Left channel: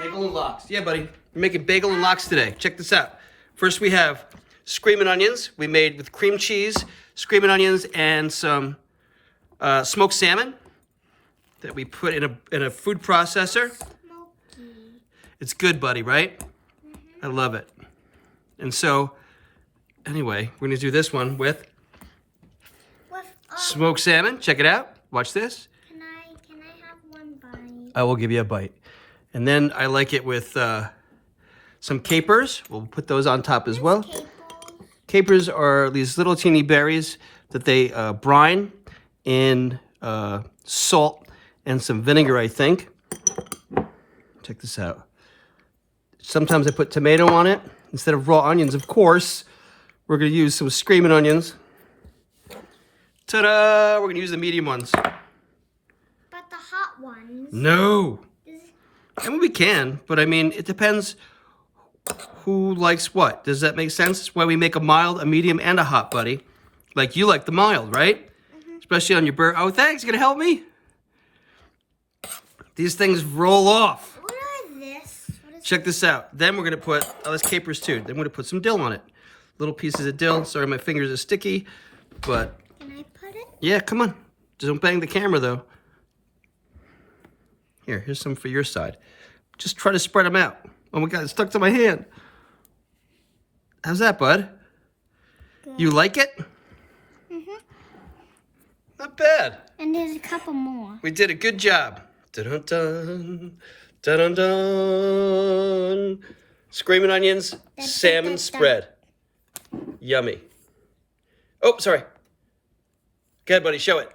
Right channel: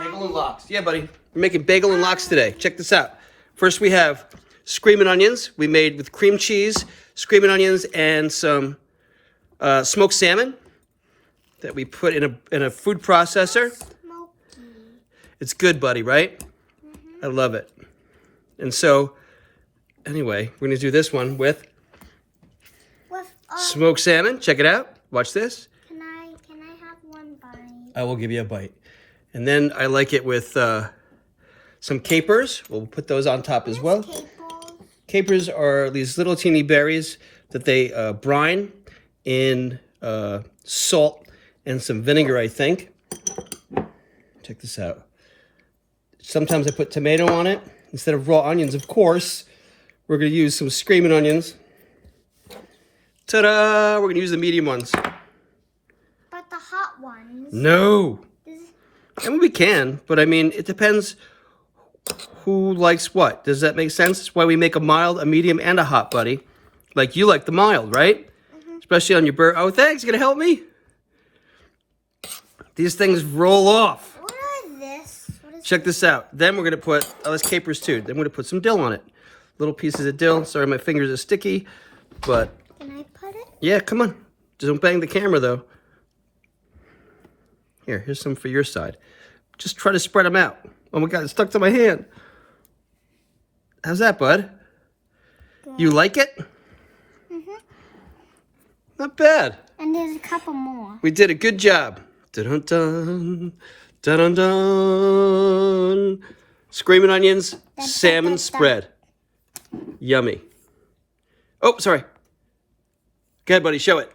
Bagel and lox. Yeah, buddy. We're making bagel and lox today. Check this out. First, we have Screamin Onions. We made with cream cheese, Screamin Onions, and some smoked salmon that we put in a food processor. It's good, buddy, right? I love it. And so, anyway, we're gonna do this one with smoked salmon. Check it out. Watch this. Can I have one bite? I will give you a bite. And then I like it with some capers. We'll put those on top as well. Capers are these little teeny berries that they brine in salt and some vinegar, I think. Check this out. Sometimes I put tomato on it instead of raw onions. Of course, we're going to use some Screamin Onions. Ta-da! We're going to use the medium ones. But the hot ones. No. I mean, we can, but I mean, it depends who likes what. Does that make sense? That's why we make a mild, a medium, and a hot, buddy. Like you like the mild, right? Especially on your burger. Oh, thanks. You going to help me? These things roll off. What is this? Check this out. Then we're going to put, oh, that's capers too. Then we're going to put some dill on it. Little pieces of dill. Sorry, my fingers are sticky, but. Can I put it? Yeah, come on. Just don't bang the camera, though. Here's some for your side. Just try to spread them out. Oh my God, it's stuck to my hand. How's that, bud? Good. You like it? Not bad. And there's a couple more. We did a good job. Dun-dun-dun. Dun-dun-dun. Screamin Onions, salmon spread. Yummy. Oh, sorry. Go ahead, buddy. Show it.